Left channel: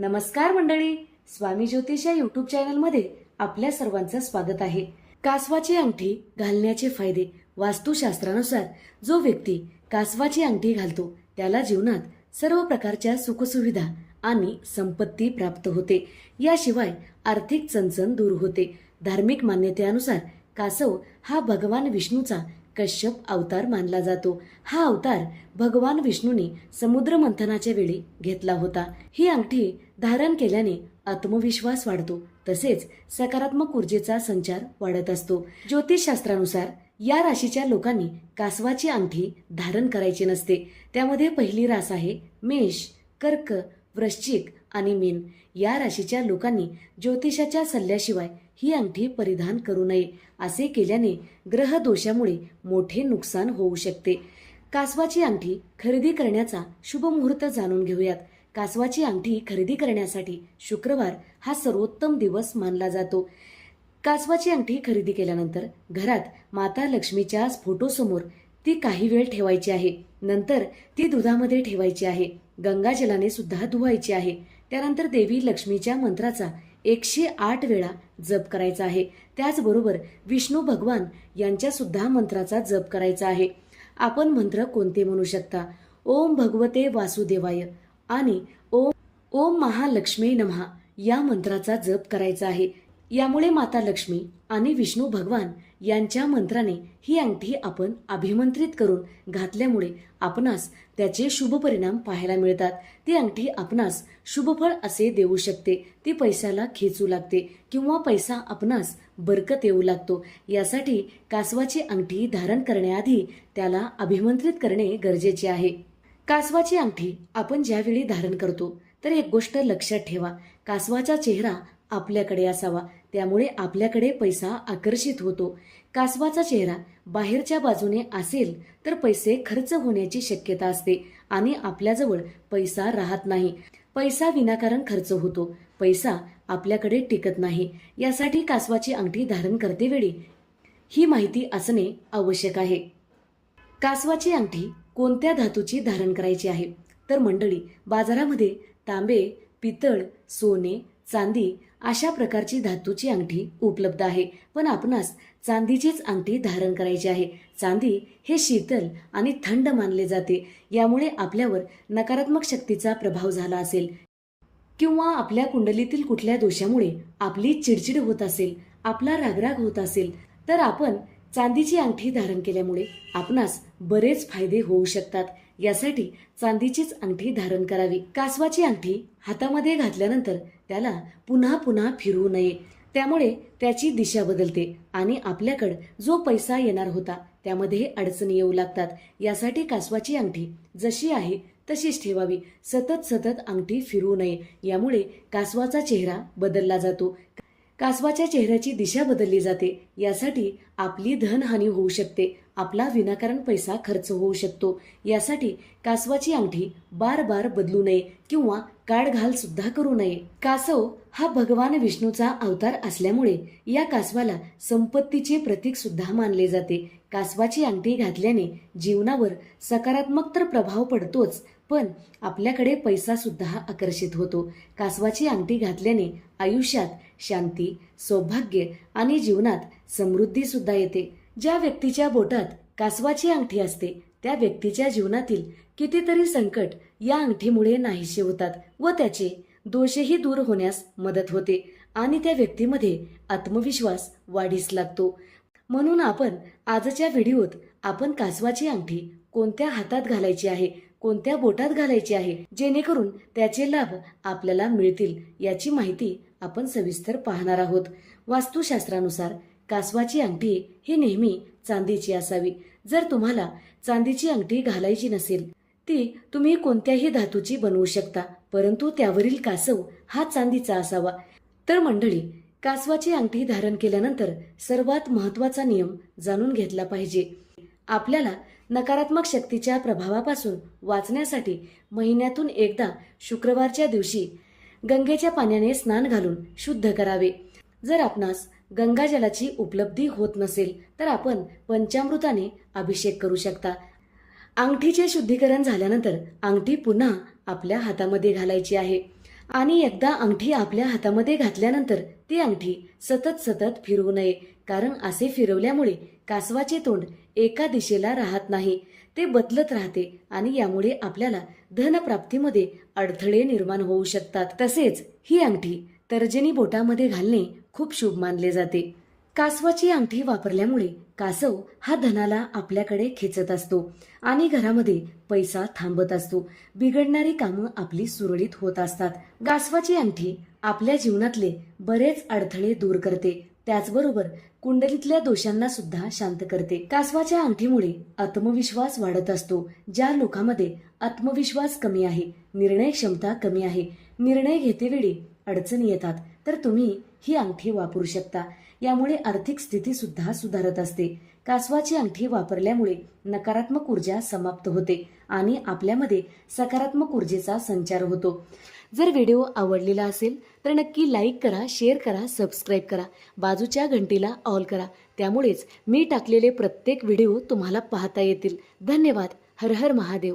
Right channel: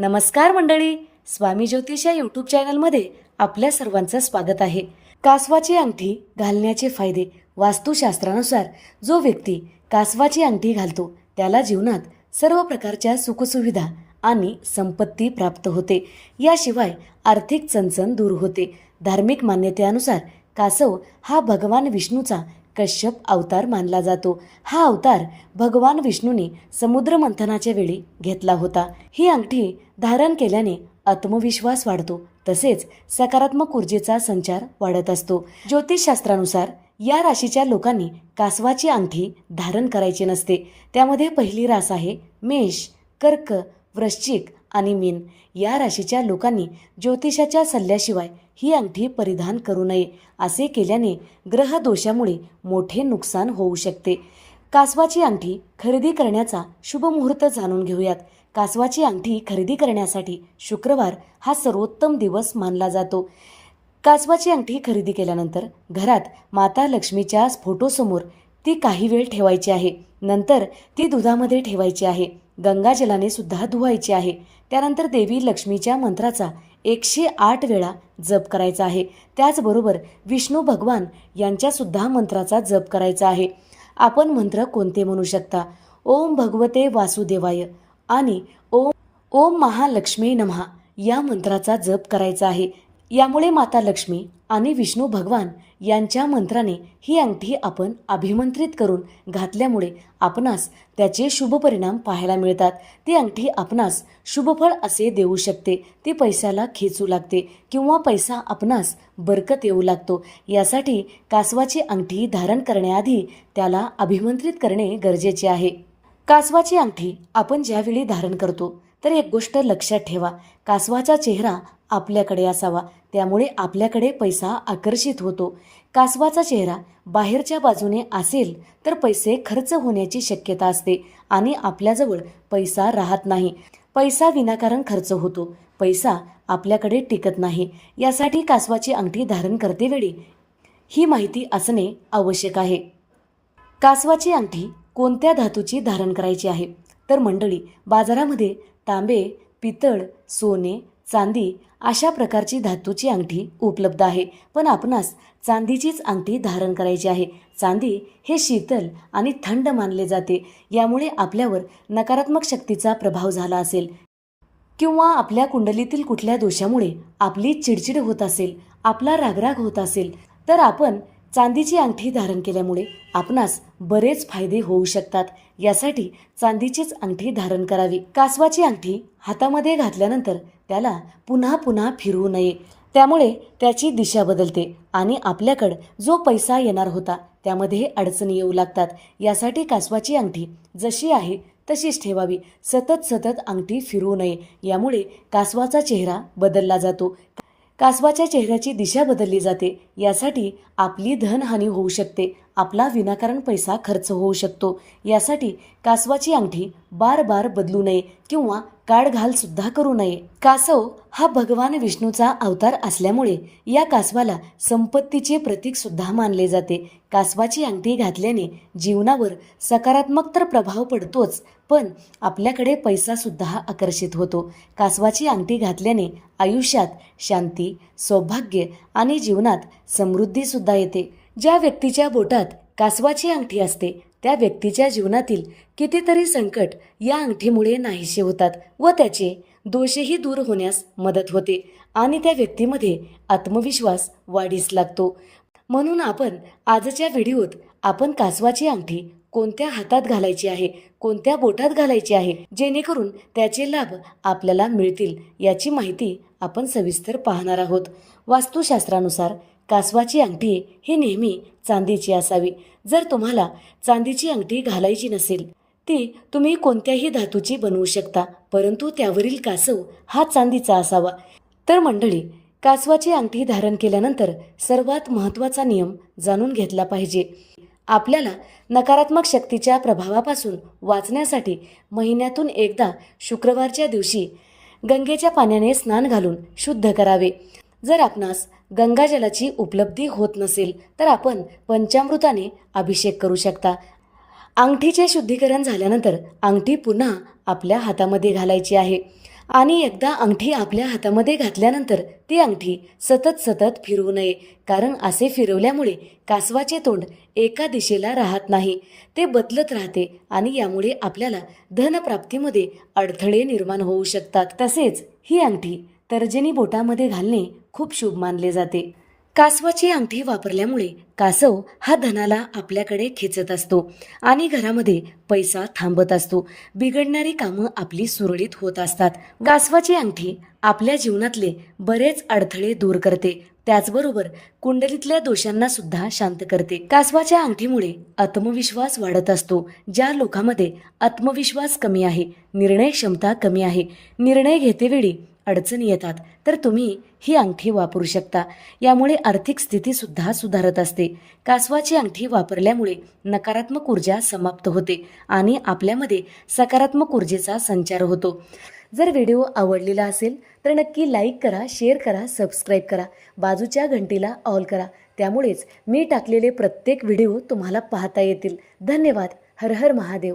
नमस्कार मंडळी स्वामी ज्योतिष या यूट्यूब चॅनलमध्ये आपल्या सर्वांचं स्वागत आहे. कासवाची अंगठी घालण्याचे फायदे वास्तुशास्त्रानुसार जो व्यक्ती कासवाची अंगठी घालतो त्याला जीवनात सर्व प्रकारच्या सुखसुविधा आणि संपत्ती प्राप्त होते. याशिवाय आर्थिक चणचण दूर होते. धार्मिक मान्यतेनुसार कासव हा भगवान विष्णूचा कश्यप अवतार मानला जातो. हा अवतार भगवान विष्णूने समुद्र मंथनाच्या वेळी घेतला होता. ही अंगठी धारण केल्याने आत्मविश्वास वाढतो. तसेच सकारात्मक ऊर्जेचा संचार वाढत असतो. ज्योतिषशास्त्रानुसार या राशीच्या लोकांनी कासवाची अंगठी धारण करायची नसते. त्यामध्ये पहिली रास आहे मेष कर्क वृश्चिक आणि मीन या राशीच्या लोकांनी ज्योतिषाच्या सल्ल्याशिवाय ही अंगठी परिधान करू नये असे केल्याने ग्रह दोषामुळे मोठे नुकसान होऊ शकते. कासवाची अंगठी खरेदी करण्याचा शुभ मुहूर्त जाणून घेऊयात. कासवाची अंगठी खरेदी करण्यासाठी शुक्रवार हा सर्वोत्तम दिवस मानला जातो. कासवाची अंगठी खरेदी केल्यानंतर घरात माता लक्ष्मीच्या फोटोसमोर ती काही वेळ ठेवायची आहे. नंतर ती दुधामध्ये ठेवायची आहे. गंगाजलाने सुद्धा धुवायची आहे. त्यानंतर देवी लक्ष्मीच्या मंत्राचा एकशे आठ वेळा जप करायचा आहे. त्याचबरोबर विष्णू भगवान यांच्यासुद्धा मंत्राचा जप करायचा आहे. आपण मंत्र कोणते म्हणू शकता? ओम भगवते वासुदेवाय आणि ओम ओम महालक्ष्मी नमहा या मंत्राचा जप करायचा आहे. यामुळे माता लक्ष्मी आणि विष्णू भगवान यांच्या मंत्राने ही अंगठी आपण अभिमंत्रित करून घातल्यामुळे आपणास त्याचे शुभ परिणाम पाहायला मिळतात. ती अंगठी आपणास शुभफळ असे देऊ शकते. ती पैशाला खेचू लागते किंवा पैसा आपणास बरकत येऊ लागतो. यासाठी कासवाची अंगठी धारण करण्याआधी त्याला अभिमंत्रित करणे गरजेचे आहे. कासवाची अंगठी आपण ज्यावेळी धारण करतो तर एक गोष्ट लक्षात ठेवा. कासवाचा चेहरा आपल्याकडे असावा. त्यामुळे आपल्याकडे पैसा आकर्षित होतो. कासवाचा चेहरा बाहेरच्या बाजूने असेल तर पैसे खर्च होण्याची शक्यता असते आणि आपल्याजवळ पैसा राहत नाही. पैसा विनाकारण खर्च होतो. पैसा आपल्याकडे टिकत नाही. यासाठी कासवाची अंगठी धारण करतेवेळी ही माहिती असणे आवश्यक आहे. कासवाची अंगठी कोणत्या धातूची धारण करायची आहे? तर मंडळी बाजारामध्ये तांबे पितळ सोने चांदी अशा प्रकारची धातूची अंगठी उपलब्ध आहे. पण आपणास चांदीचीच अंगठी धारण करायची आहे. चांदी हे शीतल आणि थंड मानले जाते. यामुळे आपल्यावर नकारात्मक शक्तीचा प्रभाव झाला असेल. किंवा आपल्या कुंडलीतील कुठल्या दोषामुळे आपली चिडचिड होत असेल आपला रागराग होत असेल तर आपण चांदीची अंगठी धारण केल्यामुळे आपणास बरेच फायदे होऊ शकतात. यासाठी चांदीचीच अंगठी धारण करावी. कासवाची अंगठी हातामध्ये घातल्यानंतर त्याला पुन्हा पुन्हा फिरवू नये. त्यामुळे त्याची दिशा बदलते आणि आपल्याकडं जो पैसा येणार होता त्यामध्ये अडचणी येऊ लागतात. यासाठी कासवाची अंगठी जशी आहे तशीच ठेवावी. सतत सतत अंगठी फिरवू नये. यामुळे कासवाचा चेहरा बदलला जातो. कासवाच्या चेहऱ्याची दिशा बदलली जाते. यासाठी आपली धनहानी होऊ शकते. आपला विनाकारण पैसा खर्च होऊ शकतो. यासाठी कासवाची अंगठी बार बार बदलू नये किंवा काढघाल सुद्धा करू नये. कासव हा भगवान विष्णूचा अवतार असल्यामुळे या कासवाला संपत्तीचे प्रतीक सुद्धा मानले जाते. कासवाची अंगठी घातल्याने जीवनावर सकारात्मक तर प्रभाव पडतोच पण आपल्याकडे पैसा सुद्धा आकर्षित होतो. कासवाची अंगठी घातल्याने आयुष्यात शांती सौभाग्य आणि जीवनात समृद्धी सुद्धा येते. ज्या व्यक्तीच्या बोटात कासवाची अंगठी असते त्या व्यक्तीच्या जीवनातील कितीतरी संकट या अंगठीमुळे नाहीसे होतात व त्याचे दोषही दूर होण्यास मदत होते आणि त्या व्यक्तीमध्ये आत्मविश्वास वाढीस लागतो. म्हणून आपण आजच्या व्हिडिओत आपण कासवाची अंगठी कोणत्या हातात घालायची आहे कोणत्या बोटात घालायची आहे जेणेकरून त्याचे लाभ आपल्याला मिळतील याची माहिती आपण सविस्तर पाहणार आहोत. वास्तुशास्त्रानुसार कासवाची अंगठी ही नेहमी चांदीची असावी. जर तुम्हाला चांदीची अंगठी घालायची नसेल ती तुम्ही कोणत्याही धातूची बनवू शकता परंतु त्यावरील कासव हा चांदीचा असावा. तर मंडळी कासवाची अंगठी धारण केल्यानंतर सर्वात महत्त्वाचा नियम जाणून घेतला पाहिजे. आपल्याला नकारात्मक शक्तीच्या प्रभावापासून वाचण्यासाठी महिन्यातून एकदा शुक्रवारच्या दिवशी गंगेच्या पाण्याने स्नान घालून शुद्ध करावे. जर आपणास गंगाजलाची उपलब्धी होत नसेल तर आपण पंचामृताने अभिषेक करू शकता. अंगठीचे शुद्धीकरण झाल्यानंतर अंगठी पुन्हा आपल्या हातामध्ये घालायची आहे. आणि एकदा अंगठी आपल्या हातामध्ये घातल्यानंतर ती अंगठी सतत सतत फिरवू नये कारण असे फिरवल्यामुळे कासवाचे तोंड एका दिशेला राहत नाही. ते बदलत राहते आणि यामुळे आपल्याला धनप्राप्तीमध्ये अडथळे निर्माण होऊ शकतात. तसेच ही अंगठी तर्जनी बोटामध्ये घालणे खूप शुभ मानले जाते. कासवाची अंगठी वापरल्यामुळे कासव हा धनाला आपल्याकडे खेचत असतो आणि घरामध्ये पैसा थांबत असतो. बिघडणारी कामं आपली सुरळीत होत असतात. कासवाची अंगठी आपल्या जीवनातले बरेच अडथळे दूर करते. त्याचबरोबर कुंडलीतल्या दोषांना सुद्धा शांत करते. कासवाच्या अंगठीमुळे आत्मविश्वास वाढत असतो. ज्या लोकांमध्ये आत्मविश्वास कमी आहे निर्णय क्षमता कमी आहे निर्णय घेतेवेळी अडचणी येतात तर तुम्ही ही अंगठी वापरू शकता. यामुळे आर्थिक स्थितीसुद्धा सुधारत असते. कासवाची अंगठी वापरल्यामुळे नकारात्मक ऊर्जा समाप्त होते आणि आपल्यामध्ये सकारात्मक ऊर्जेचा संचार होतो. जर व्हिडिओ आवडलेला असेल तर नक्की लाईक करा शेअर करा सबस्क्राईब करा बाजूच्या घंटीला ऑल करा. त्यामुळेच मी टाकलेले प्रत्येक व्हिडिओ तुम्हाला पाहता येतील. धन्यवाद. हर हर महादेव.